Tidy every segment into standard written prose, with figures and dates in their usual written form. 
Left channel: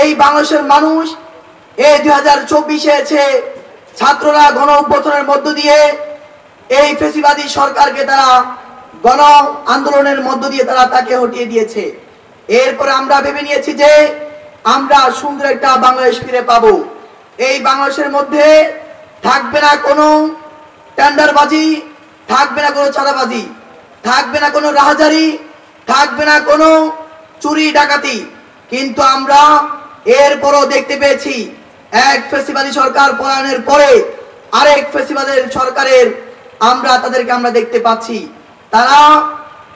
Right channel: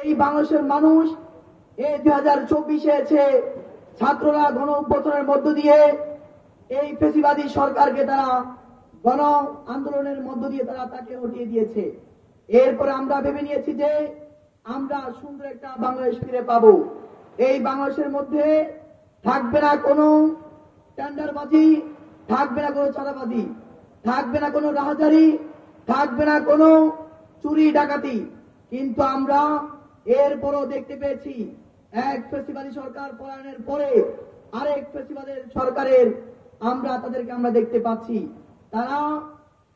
এই বাংলাদেশের মানুষ এই 2024 এসে ছাত্ররা গণ অভ্যুত্থানের মধ্য দিয়ে এই ফ্যাসিবাদী সরকারকে তারা গণ আন্দোলনের মধ্য দিয়ে তারা তাকে হটিয়ে দিয়েছে। এরপরে আমরা ভেবে নিয়েছি যে আমরা সুন্দর একটা বাংলাদেশ ফিরে পাবো। এই বাংলাদেশের মধ্যে থাকবে না কোনো টেন্ডারবাজি, থাকবে না কোনো চাঁদাবাজি, থাকবে না কোনো রাহাজারি, থাকবে না কোনো চুরি ডাকাতি। কিন্তু আমরা এরপরও দেখতে পেয়েছি এক ফ্যাসিবাদী সরকার পলায়নের পরে আরেক ফ্যাসিবাদের সরকারের তাদেরকে আমরা দেখতে পাচ্ছি। তারা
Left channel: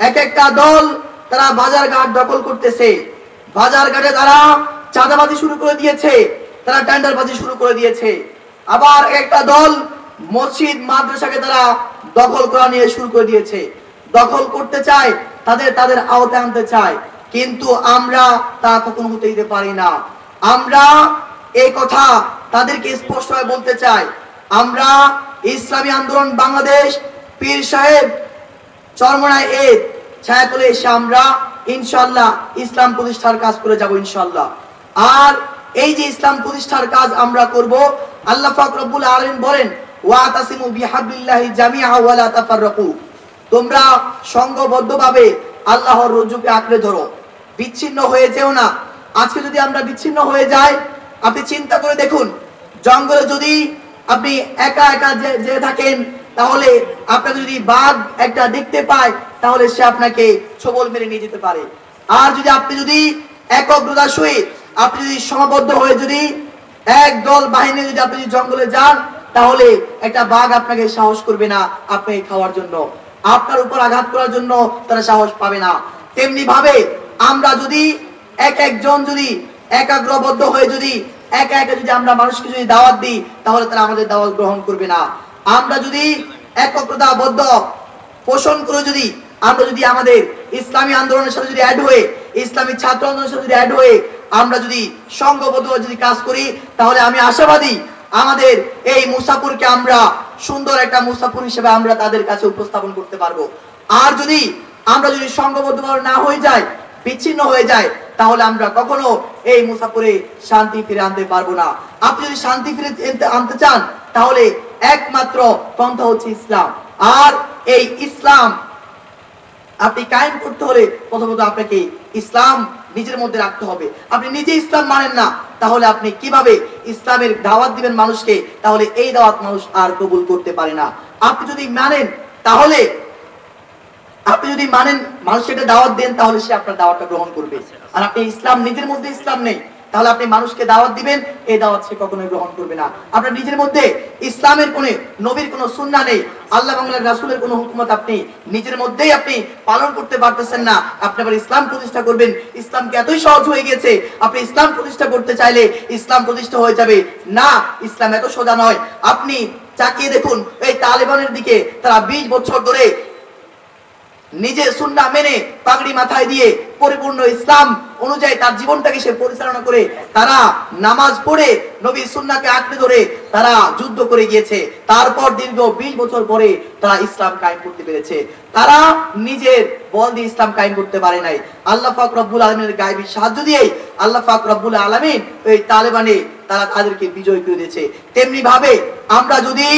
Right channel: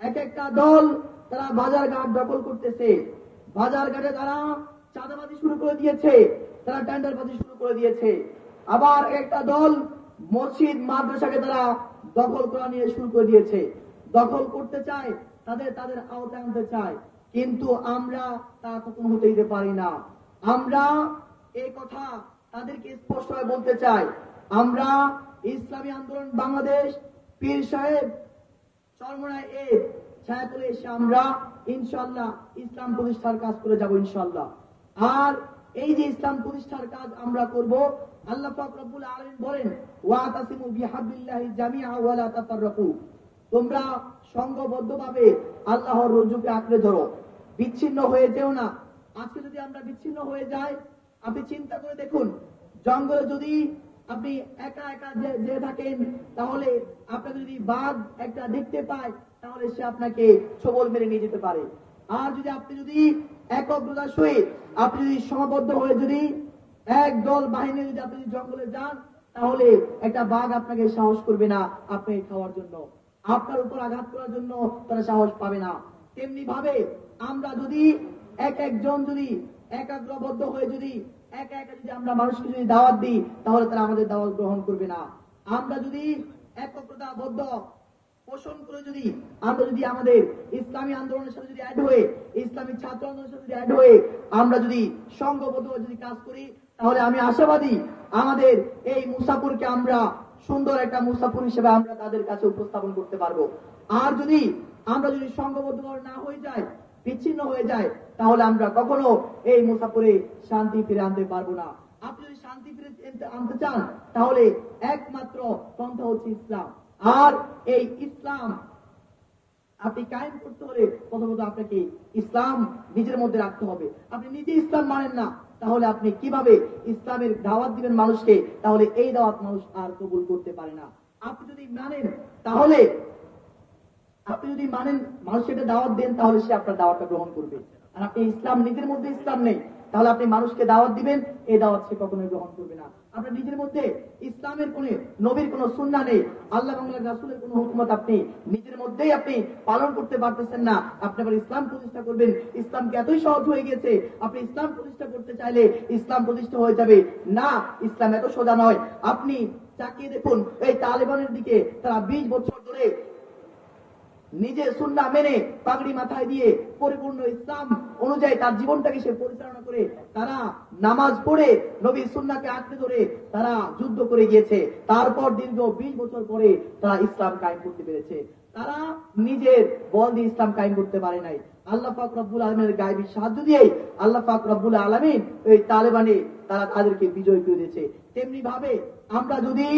এক একটা দল তারা বাজারঘাট দখল করতেছে, বাজারঘাটে তারা চাঁদাবাজি শুরু করে দিয়েছে, তারা টেন্ডারবাজি শুরু করে দিয়েছে। আবার একটা দল মসজিদ মাদ্রাসাকে তারা দখল করা নিয়ে শুরু করে দিয়েছে, দখল করতে চায়, তাদের আওতায় আনতে চায়। কিন্তু আমরা তা কখনো হতে দিতে পারি না। আমরা এই কথা তাদেরকে স্পষ্টভাবে বলতে চাই, আমরা ইসলামী আন্দোলন বাংলাদেশ পীর সাহেব চরমনায় এর ছায়াতলে এসে আমরা ইনশাআল্লাহ ইসলাম প্রতিষ্ঠার কাজ করে যাব ইনশাআল্লাহ। আর এই যে ইসলাম প্রতিষ্ঠার কাজ আমরা করব, আল্লাহ পাক রব্বুল আলামিন বলেন ওয়াতাসিমু বিহাবলিল্লাহি জামিআ ওয়া লা তাফাররাকু, তোমরা সংঘবদ্ধভাবে আল্লাহর রজ্জুকে আঁকড়ে ধরো, বিচ্ছিন্ন হয়ে যেও না। আজকে যদি আমরা বিচ্ছিন্ন হয়ে যাই, আপনি চিন্তা করে দেখুন, জঙ্গলে যদি আপনি একা একা যে থাকেন, তাহলে আপনাকে যদি বাঘ একটা দেখতে পায়, তাহলে সে আপনাকে ছোবল মেরে নিয়ে যেতে পারে। আর আপনি যদি একগ্রতার সহিত আপনি যদি সমাবদ্ধ হয়ে যদি একদল বাহিনী যদি আপনি জঙ্গলে যান, তাহলে একটা বাঘ আপনাকে সাহস করবে না আপনাকে খাওয়ার জন্য, আপনার উপর আঘাত করার জন্য তারা সাহস পাবে না। তেমনি ভাবে আমরা যদি একজন যদি একাগ্রবদ্ধ হয়ে যদি একা একা যদি আমরা মানুষকে যদি দাওয়াত দিই, তাহলে তারা আমাদের দাওয়াত গ্রহণ করবে না। আমরা যদি একগ্রতাবদ্ধ পোষণ করে যদি আমরা যদি আমাদের ইসলামী আন্দোলনের সাথে যদি অ্যাড হয়ে, ইসলামী ছাত্র আন্দোলনের সাথে যদি অ্যাড হয়ে আমরা যদি সংঘবদ্ধ যদি কাজ করি, তাহলে আমি আশাবাদী আমাদের এই মুসাফিরকে আমরা সুন্দর একটা মুসাফির হিসেবে আমরা তাদের কাছে উপস্থাপন করতে পারবো। আর যদি আমরা যদি সংঘবদ্ধভাবে না হয়ে যায়, বিচ্ছিন্ন হয়ে যায়, তাহলে আমরা কখনো এই মুসাফিরে শান্তি ফিরে আনতে পারবো না। আপনি যদি শান্তি ফিরে আনতে চান, তাহলে একমাত্র পন্থা হচ্ছে ইসলাম। আর এই ইসলাম আপনি কায়েম করতে হলে প্রথমত আপনাকে ইসলাম নিজের মধ্যে রাখতে হবে। আপনি নিজে ইসলাম মানেন না, তাহলে আপনি কিভাবে ইসলামের দাওয়াত দিবেন মানুষকে? তাহলে এই দাওয়াত মানুষ আর কবুল করতে পারে না। আপনি যদি মানেন, তাহলে আপনি যদি মানেন মানুষকে একটা দাওয়াত দেন, তাহলে সে আপনার দাওয়াতটা গ্রহণ করবে। আর আপনি ইসলাম নিজের মধ্যে ইসলাম নেই, তাহলে আপনি মানুষকে দাওয়াত দিবেন, এই দাওয়াত সে কখনোই গ্রহণ করবে না। আপনার নিজের মধ্যে ইসলামের কোন নবীর কোন সুন্নাহ নেই, আল্লাহ এবং রাসূলের কোন হুকুমত আপনি নিজের মধ্যেই আপনি পালন করতে পারতেছেন না। আপনি আবার ইসলাম প্রতিষ্ঠা করবেন, ইসলামকে এতই সহজ হয়ে গেছে, আপনি ইসলাম প্রতিষ্ঠা করতে চাইলে ইসলাম প্রতিষ্ঠা হয়ে যাবে না। ইসলাম এত সোজা নয়। আপনি তাকিয়ে দেখুন এই তালেবানের দিকে, তারা 20 বছর ধরে নিজে সুন্নাহ মেনে পাগড়ি মাথায় দিয়ে পরিপূর্ণ ইসলাম অনুযায়ী তার জীবনটাকে সে পরিচালনা করে, তারা নামাজ পড়ে নবীর সুন্নাহকে আঁকড়ে ধরে তারা যুদ্ধ করে গিয়েছে। তারপর দীর্ঘ 20 বছর পরে তারা ইসলাম কায়েম করতে পেরেছে। তারা নিজের বল দিয়ে ইসলাম কায়েম করতে পারে নাই, আল্লাহ পাক রব্বুল আলামিনের গায়বী সাহায্য দিয়ে আল্লাহ পাক রব্বুল আলামিন এই তালেবানে তারা তাদেরকে বিজয় করে দিয়েছে। তেমনি ভাবে আমরা যদি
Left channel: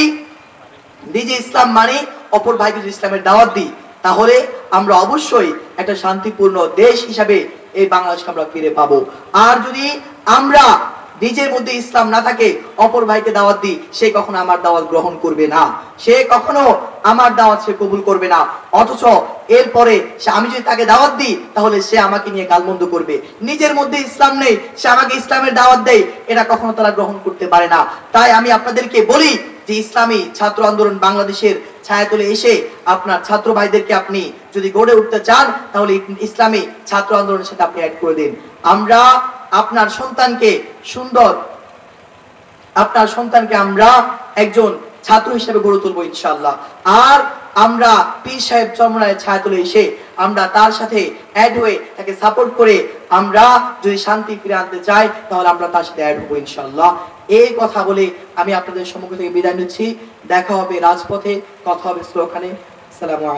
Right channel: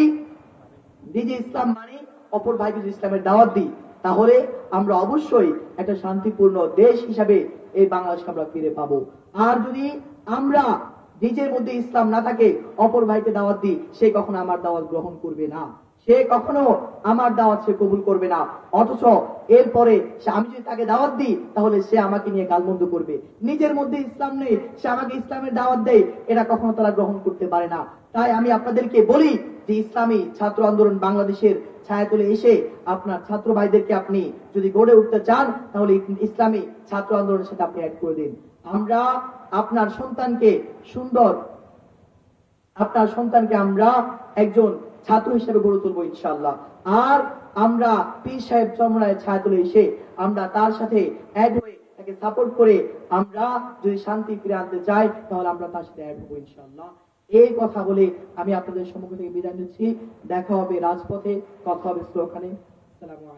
নিজে ইসলাম মানি, অপর ভাইকে যদি ইসলামের দাওয়াত দিই, তাহলে আমরা অবশ্যই একটা শান্তিপূর্ণ দেশ হিসাবে এই বাংলাদেশকে আমরা ফিরে পাবো। আর যদি আমরা নিজের মধ্যে ইসলাম না থাকে, অপর ভাইকে দাওয়াত দিই, সে কখনো আমার দাওয়াত গ্রহণ করবে না, সে কখনো আমার দাওয়াত সে কবুল করবে না। অথচ এরপরে আমি যদি তাকে দাওয়াত দিই, তাহলে সে আমাকে নিয়ে গালমন্দ করবে। নিজের মধ্যে ইসলাম নেই, সে আমাকে ইসলামের দাওয়াত দেয়, এটা কখনো তারা গ্রহণ করতে পারে না। তাই আমি আপনাদেরকে বলি যে ইসলামী ছাত্র আন্দোলন বাংলাদেশের ছায়াতলে এসে আপনার ছাত্র ভাইদেরকে আপনি যদি গড়ে উঠতে চান, তাহলে ইসলামী ছাত্র আন্দোলনের সাথে আপনি অ্যাড করে দিন। আমরা আপনার সন্তানকে আমরা একজন ছাত্র হিসেবে গড়ে তুলবো ইনশাআল্লাহ। আর আমরা পীর সাহেব চরমনায়ের ছায়াতলে এসে আমরা তার সাথে অ্যাড হয়ে তাকে সাপোর্ট করে আমরা যদি শান্তি ফিরে আনতে চাই, তাহলে আমরা তার সাথে অ্যাড হবো ইনশাআল্লাহ। এই কথা বলে আমি আপনাদের সম্মুখ থেকে বিদায় নিচ্ছি। দেখা হবে রাজপথে, কথা হবে স্লোগানে। আসসালামু আলাইকুম।